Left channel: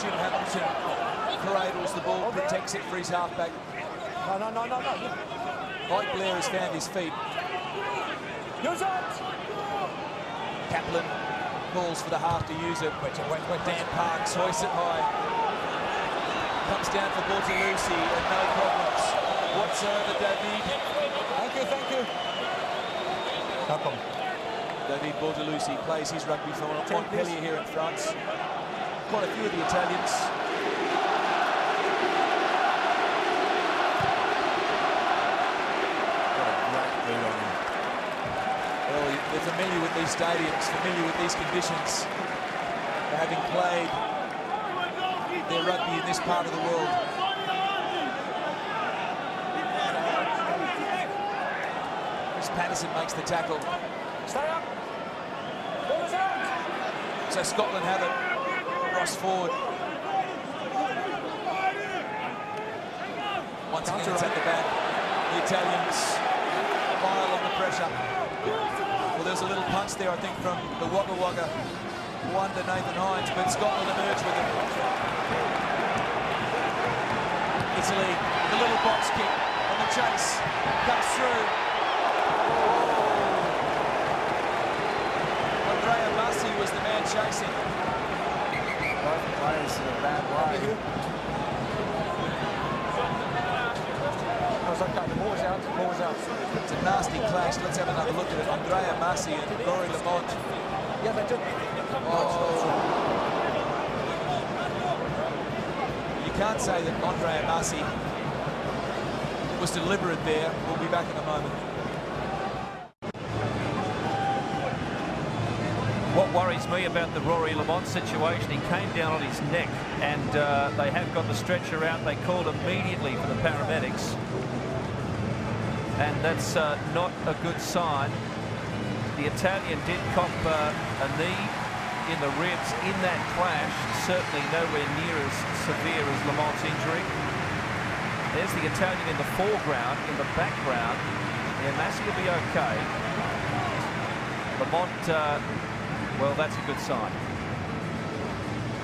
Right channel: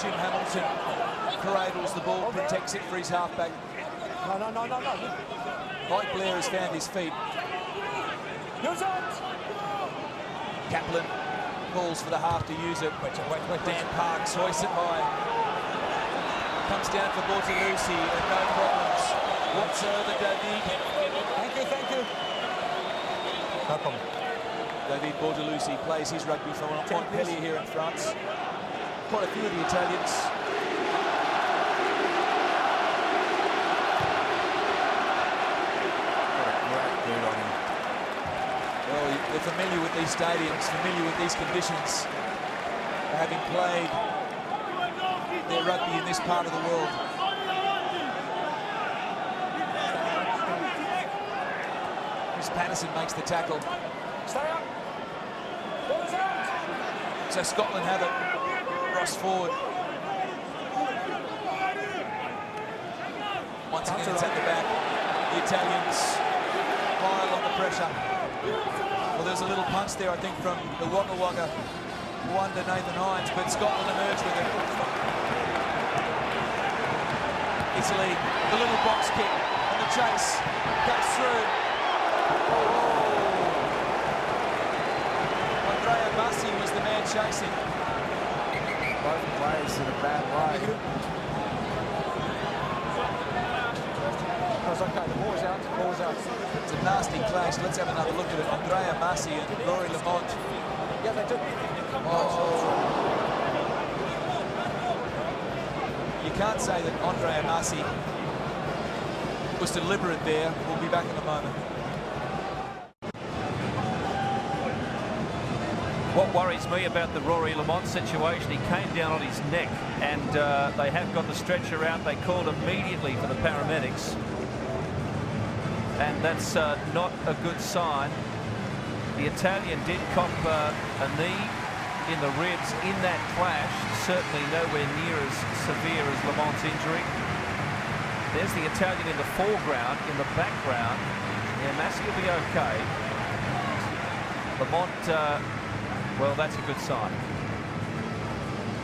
Jim Hamilton cradles the ball, protects it for his halfback. No. Mike Blair has found his feet. Kaplan calls for the half to use it. Wait. Dan Parks hoists it high. Comes down for Bortolucci and no problems whatsoever. David. Thank you. No problem. David Bortolucci plays his rugby for Montpellier here in France. Quite a few of the Italians. Got a great boot on him. Well, they're familiar with these stadiums, familiar with these conditions, having played their rugby in this part of the world. Chris Patterson makes the tackle. Stay up. So Scotland have it. Ross forward. Once again, it's at the back. The Italians pile on the pressure. Well, there's a little punch there, I think, from the Wagga Wagga one to Nathan Hines, but Scotland emerged with it. Italy, the little box kick, and the chase comes through. Oh. Andrea Massi was the man chasing. Both players in a bad way. That was okay, the ball was out. It's a nasty clash. Let's have another look at it. Andrea Massi and Rory Lamont. Yeah, they did. Oh. You can't say that Andrea Massi was deliberate there. We'll be back in a moment. What worries me about the Rory Lamont situation, he came down on his neck, and they have got the stretcher out. They called immediately for the paramedics, and that's not a good sign. The Italian did cop a knee in the ribs in that clash, certainly nowhere near as severe as Lamont's injury. There's the Italian in the foreground. In the background, yeah, Massi will be okay. Lamont, well, that's a good sign.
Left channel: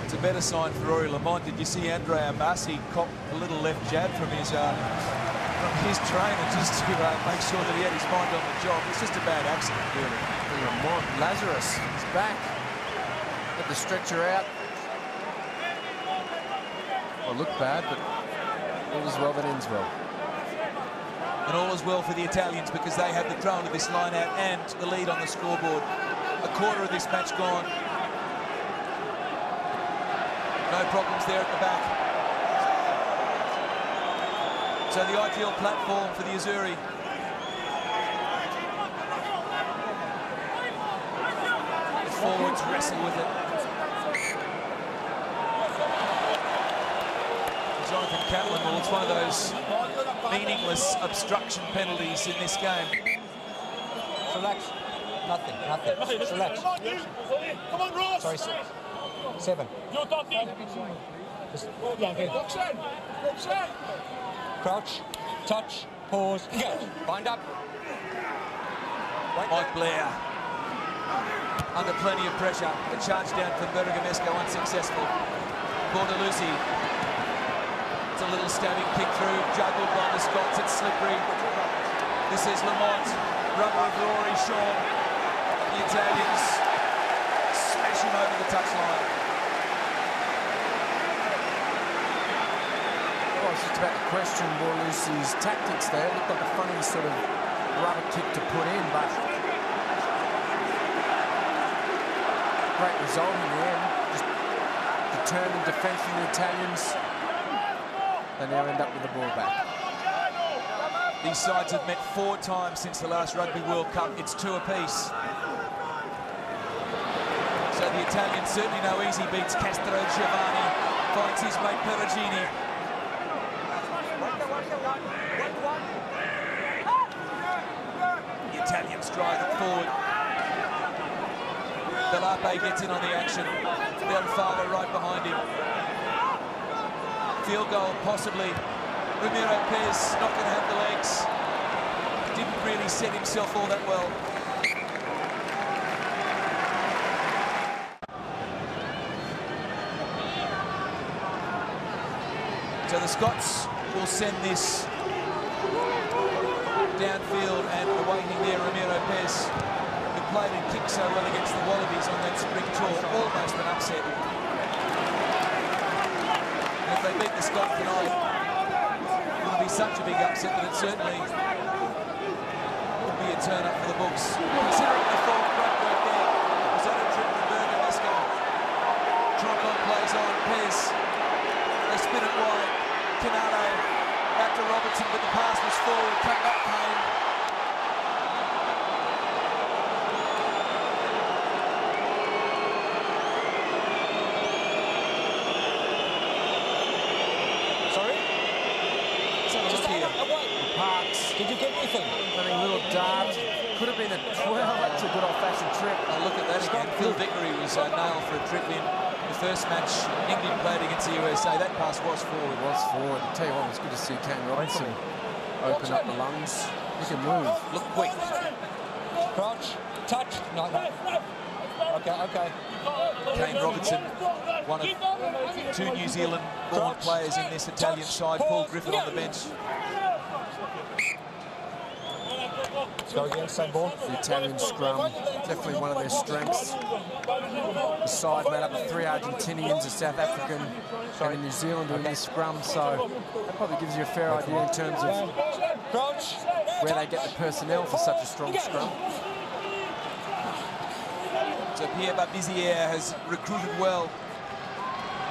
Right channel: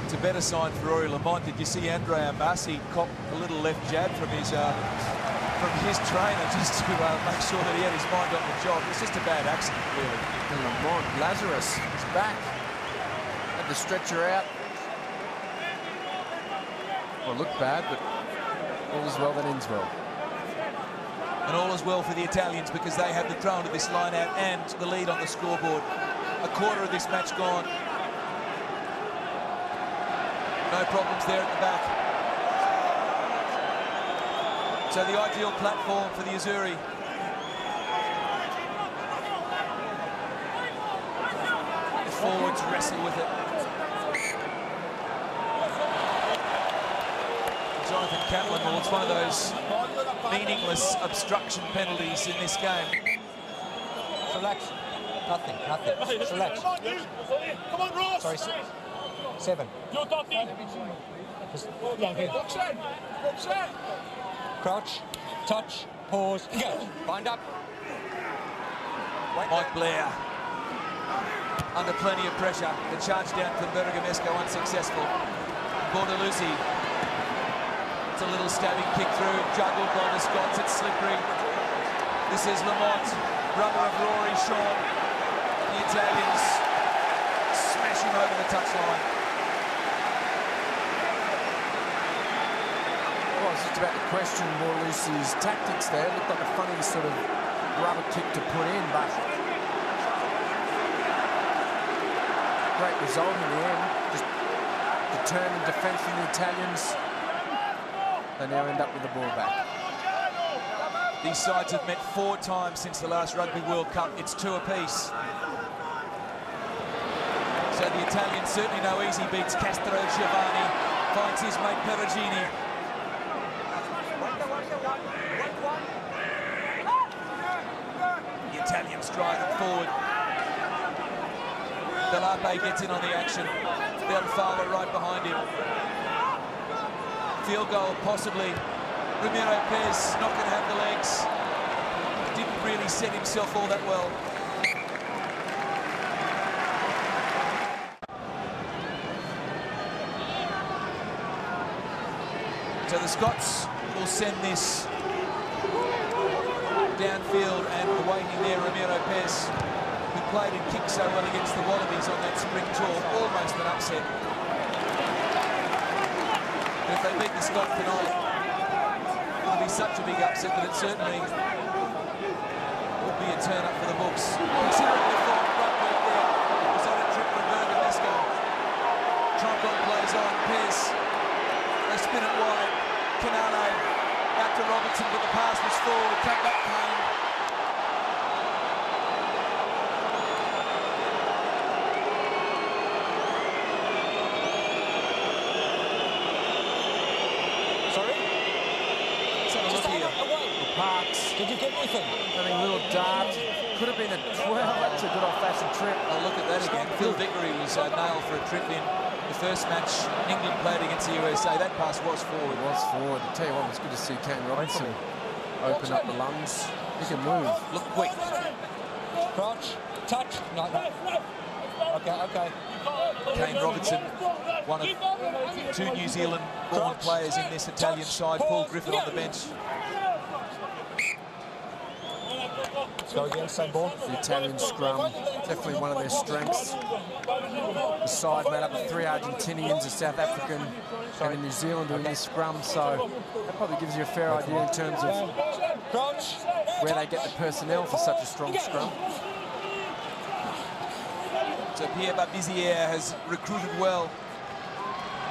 It's a better sign for Rory Lamont. Did you see Andrea Massi cop a little left jab from his trainer just to make sure that he had his mind on the job? It's just a bad accident, really. And Lamont, Lazarus, he's back. Had the stretcher out. Well, it looked bad, but all is well that ends well. And all is well for the Italians because they have the throw into this line out and the lead on the scoreboard. A quarter of this match gone. No problems there at the back. So the ideal platform for the Azzurri. The forwards wrestle with it. Jonathan Kaplan, well, it's one of those meaningless obstruction penalties in this game. Relax. Nothing. Relax. Come on, Ross. Sorry, 7. You're talking. Just crouch, touch, pause, engage. Bind up. Mike Blair under plenty of pressure. The charge down from Bergamesco unsuccessful. Bortolucci. It's a little stabbing kick through, juggled by the Scots. It's slippery. This is Lamont, brother of Rory Shawn. The Italians smash him over the touchline. Well, it's just about to question Bortolucci's tactics there. It looked like a funny sort of rubber kick to put in, but great result in the end. Just determined defence from the Italians. They now end up with the ball back. These sides have met 4 times since the last Rugby World Cup. It's 2 apiece. So the Italians certainly no easy beats. Castro Giovanni finds his mate Perugini. The Italians drive it forward. Delape gets in on the action. Belfala right behind him. Field goal, possibly. Ramiro Pez not going to have the legs. Didn't really set himself all that well. So the Scots will send this downfield and awaiting there Ramiro Pez, who played and kicked so well against the Wallabies on that spring tour, almost an upset. And if they beat the Scots tonight, it'll be such a big upset that it certainly would be a turn up for the books. Considering the form, great work there. Was that a trip from Bergamesco? Troncon plays on, Pez. They spin it wide. Canale out to Robertson, but the pass was forward. Come back, Kane. Sorry? Let's have a look here. Parks. Did you get anything? I think a little dart. Could have been a 12. That's a good old-fashioned trip. Oh, look at that again. Phil Vickery was nailed for a trip in the first match England played against the USA. That pass was forward. It was forward. I tell you what, it was good to see Kane Robinson open up the lungs. He can move. Look quick. Crouch. Touch. No, no. Okay. Kane Robinson, one of two New Zealand-born players in this Italian side. Paul Griffin on the bench. Let's go again, same ball. The Italian scrum, definitely one of their strengths. The side made up of 3 Argentinians, a South African, and a New Zealander in this scrum, so that probably gives you a fair idea in terms of where they get the personnel for such a strong scrum. So Pierre Babizier has recruited well.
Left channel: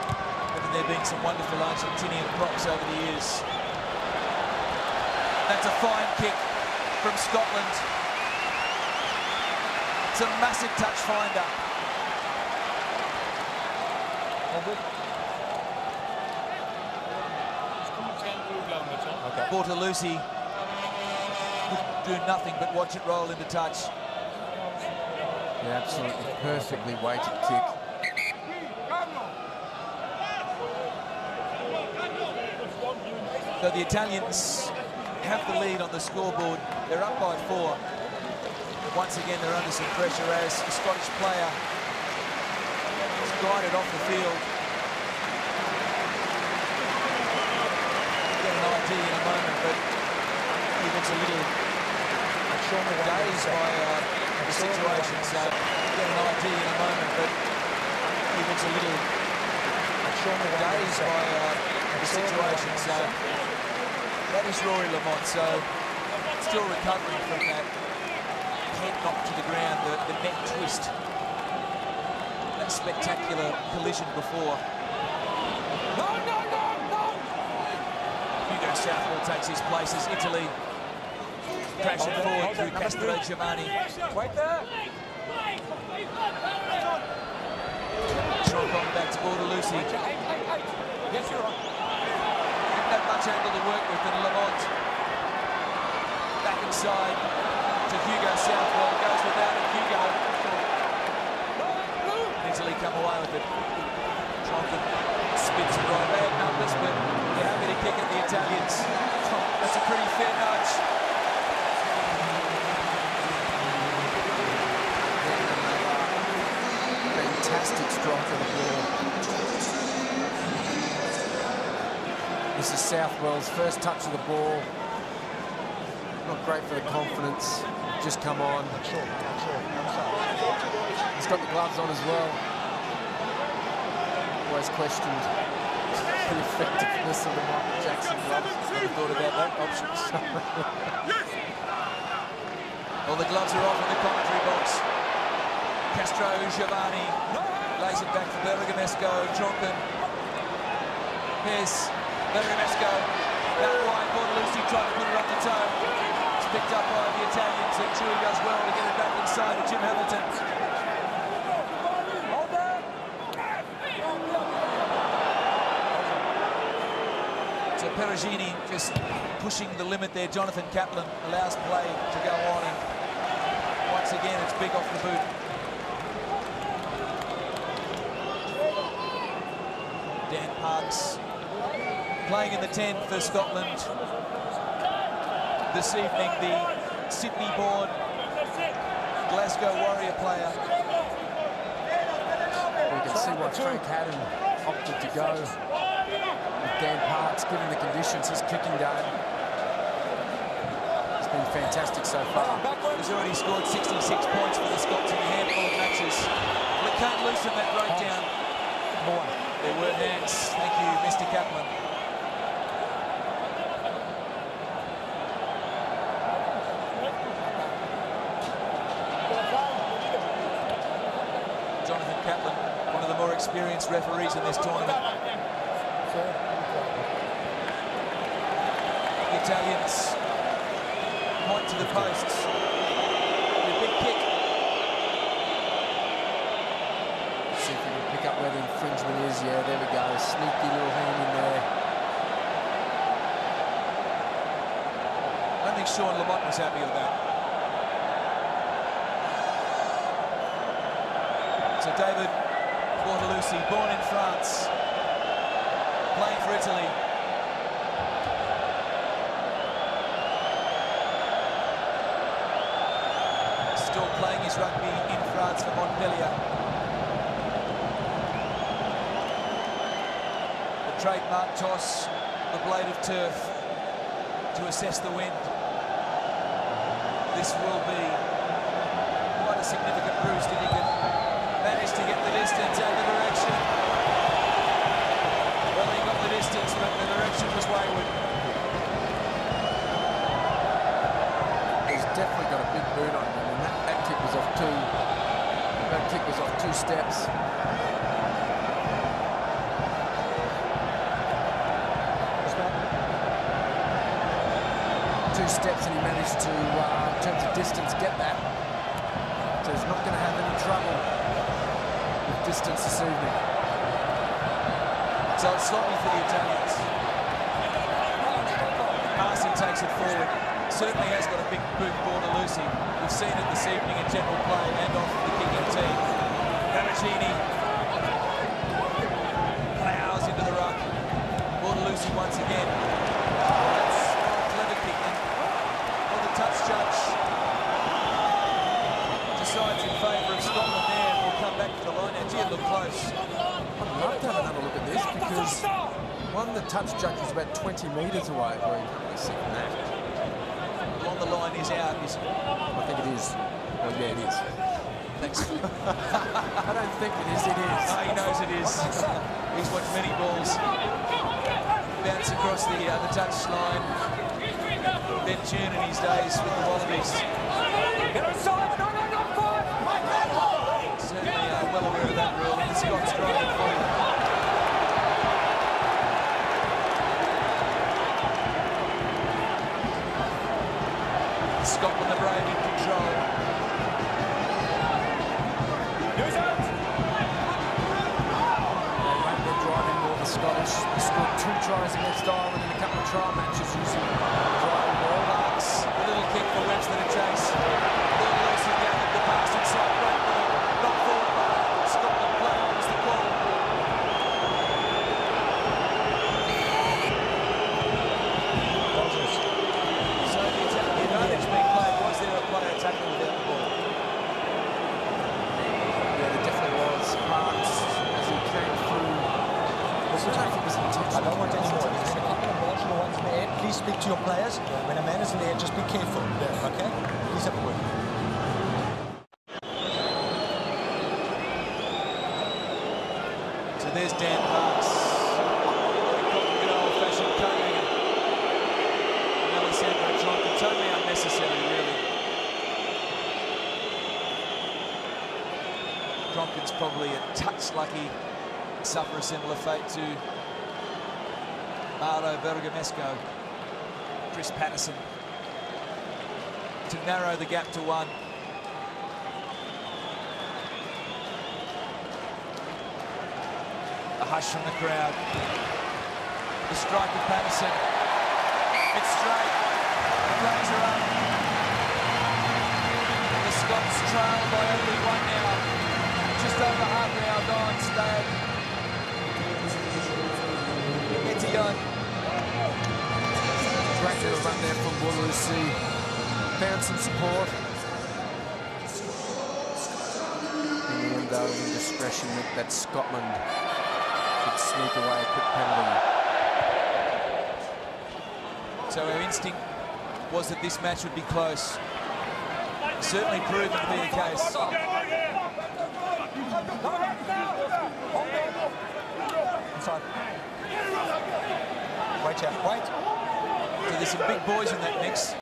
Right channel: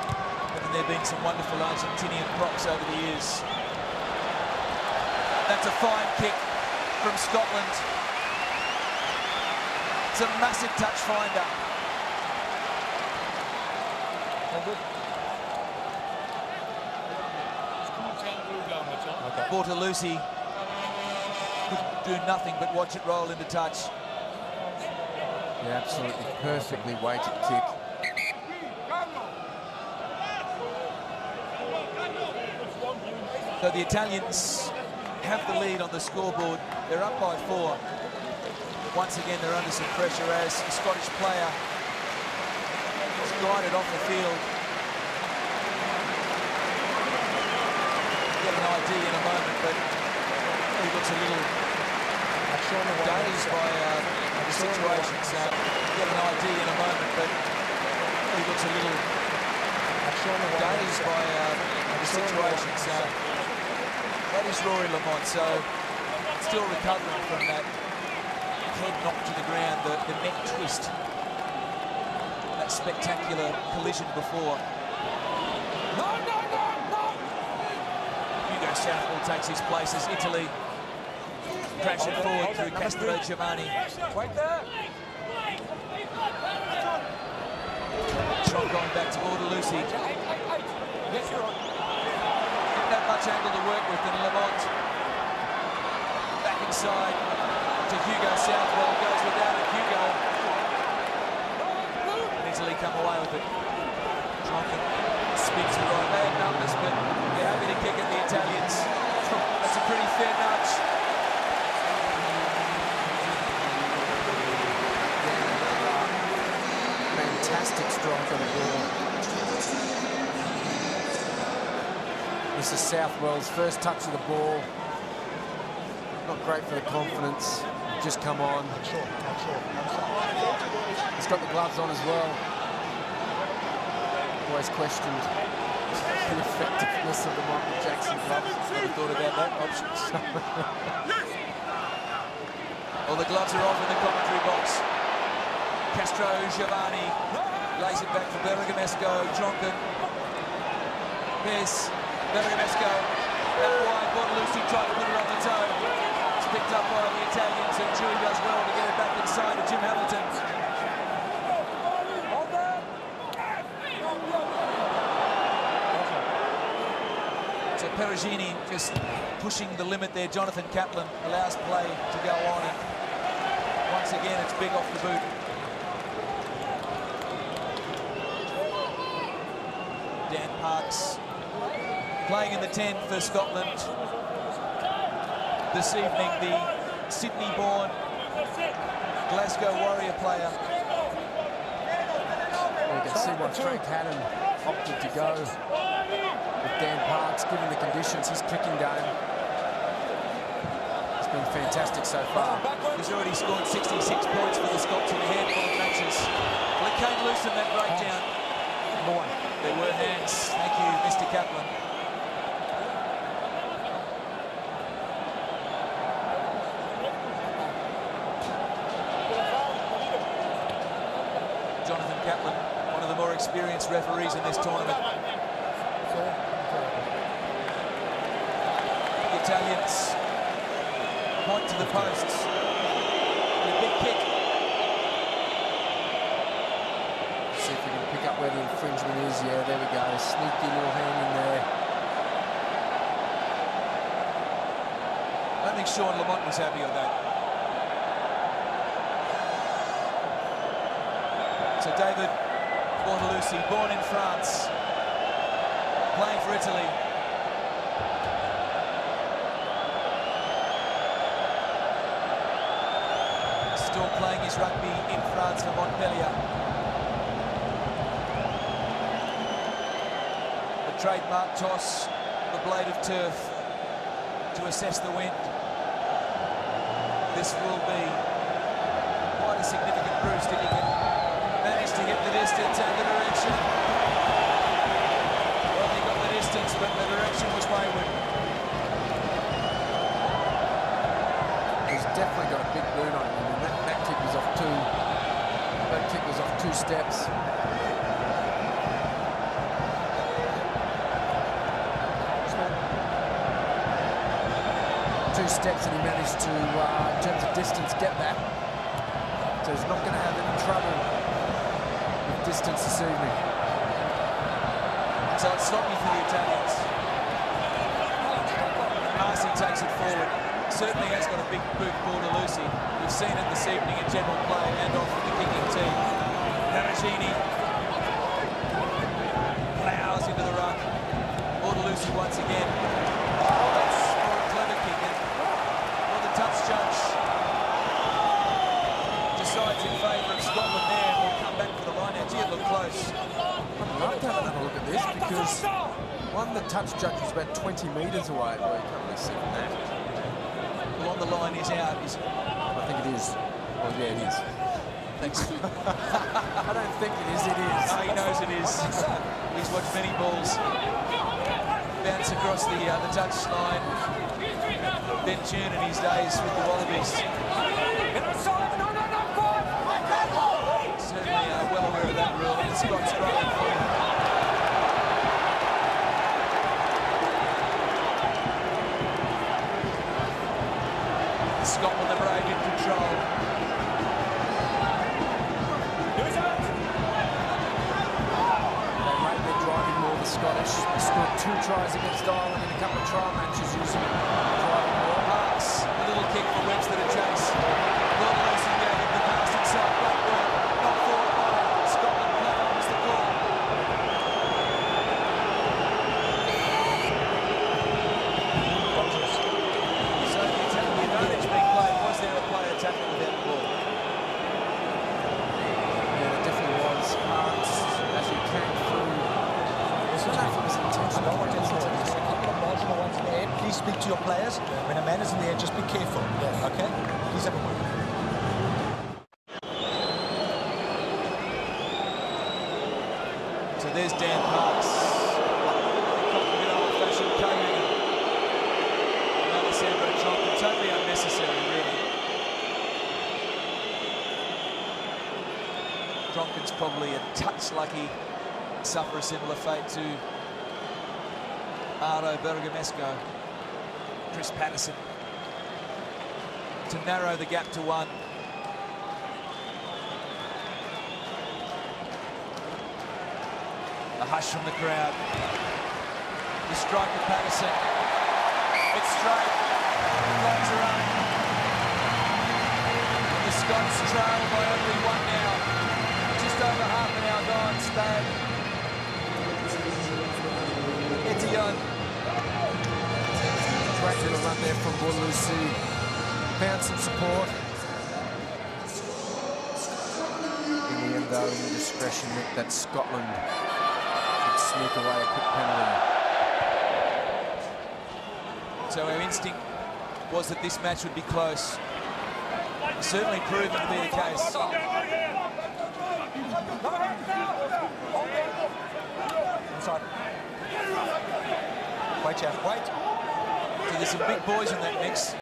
Haven't there been some wonderful Argentinian props over the years? That's a fine kick from Scotland. It's a massive touch finder. Bortolucci could do nothing but watch it roll into touch. Yeah, absolutely perfectly weighted kick. So the Italians have the lead on the scoreboard. They're up by 4. Once again, they're under some pressure as the Scottish player is guided off the field. Get an ID in a moment, but he looks a little dazed by the situation. So get an ID in a moment, but he looks a little dazed by the situation. So that is Rory Lamont. So still recovering from that head knock to the ground, the neck twist, that spectacular collision before. Hugo Southwell takes his place as Italy crashing forward through Castro Giovanni. Wait there. Troncon back to Bortolucci. Yes, you're on. Didn't have much angle to work with, and Lamont back inside to Hugo Southwell. Goes without it, Hugo. And Italy come away with it. Troncon spins and right. Bad numbers, but they're happy to kick at the Italians. That's a pretty fair nudge. Again, another fantastic strike of the ball. This is Southwell's first touch of the ball. Not great for the confidence. Just come on. Not sure. He's got the gloves on as well. Always questioned the effectiveness of the Michael Jackson gloves. Never thought about that option. Well, the gloves are off in the commentary box. Castro Giovanni lays it back for Bergamesco. Troncon. Pez. Bergamesco. Out wide. Bortolucci tried to put it on the toe. It's picked up by the Italians, and Chewy does well to get it back inside to Jim Hamilton. So Perugini just pushing the limit there. Jonathan Kaplan allows play to go on, and once again it's big off the boot. Dan Parks playing in the 10 for Scotland this evening, the Sydney-born Glasgow Warrior player. You can see why Frank Haddon opted to go with Dan Parks, given the conditions, his kicking game has been fantastic so far. He's already scored 66 points for the Scots in a handful of matches. Well, it came loose in that breakdown. There were hands. Thank you, Mr. Kaplan. Jonathan Kaplan, one of the more experienced referees in this tournament. The Italians point to the posts with a big kick. Let's see if we can pick up where the infringement is. Yeah, there we go. Sneaky little hand in there. I don't think Sean Lamont was happy with that. So David Bortolussi, born in France, playing for Italy. Still playing his rugby in France for Montpellier. The trademark toss, the blade of turf to assess the wind. This will be quite a significant roost if he can manage to get the distance and the direction. Well, he got the distance, but the direction was wayward. He's definitely got a big boot on him. I mean, that kick was off two. That kick was off 2 steps. Two steps, and he managed to, in terms of distance, get that. So he's not going to have any trouble with distance this evening. So it's sloppy for the Italians. Marcy takes it forward. Certainly has got a big boot, Bortolussi. We've seen it this evening in general play and off the kicking team. Perugini plows into the ruck. Bortolussi once again. Oh, that's more a clever kick. And well, the touch judge decides in favour of Scotland there, and will come back for the line out. Gee, it looked close. I'd love to have another look at this, because one, the touch judge was about 20 metres away. Well, you can't really see from that. Well, on the line is out. I think it is. Well, yeah, it is. Thanks. I don't think it is, it is. No, he knows it is. He's watched many balls bounce across the touch line. Ben June in his days with the Wallabies. Get outside! No, 5! Certainly well aware of that rule, and the Scots driving forward. Scotland the brave in control. Use it! They rate their driving more, the Scottish. They scored 2 tries against Ireland in a couple of trial matches using the driving more. Parks, the little kick for Webster to chase. Bortolussi gathered the pass inside. Great work. Knocked forward by Scotland. Play on was the call. Dangerous. So the advantage being played, was there a player tackle without the ball? Yeah, there definitely was. Parks, as he came through, I don't know if it was intentional. I don't want any more. There's been a couple of marginal ones in the air. Please speak to your players. Yeah. When a man is in the air, just be careful. Yes. Okay? Please have a word. So there's Dan Parks. Well, he caught with an old-fashioned coat hanger. And Alessandro Tronkin, totally unnecessary, really. Tronkin's probably a touch lucky to suffer a similar fate to Mauro Bergamasco. Chris Patterson to narrow the gap to 1. A hush from the crowd. The strike of Patterson. It's straight. Flags are up. And the Scots trail by only 1 now. Just over half an hour gone. Stade Etienne. Great little run there from Bortolussi. Found some support. In the end, though, indiscretion meant that Scotland could sneak away a quick penalty. So our instinct was that this match would be close. Certainly proven to be the case. Inside. Wait, Jeff, wait. So there's some big boys in that mix.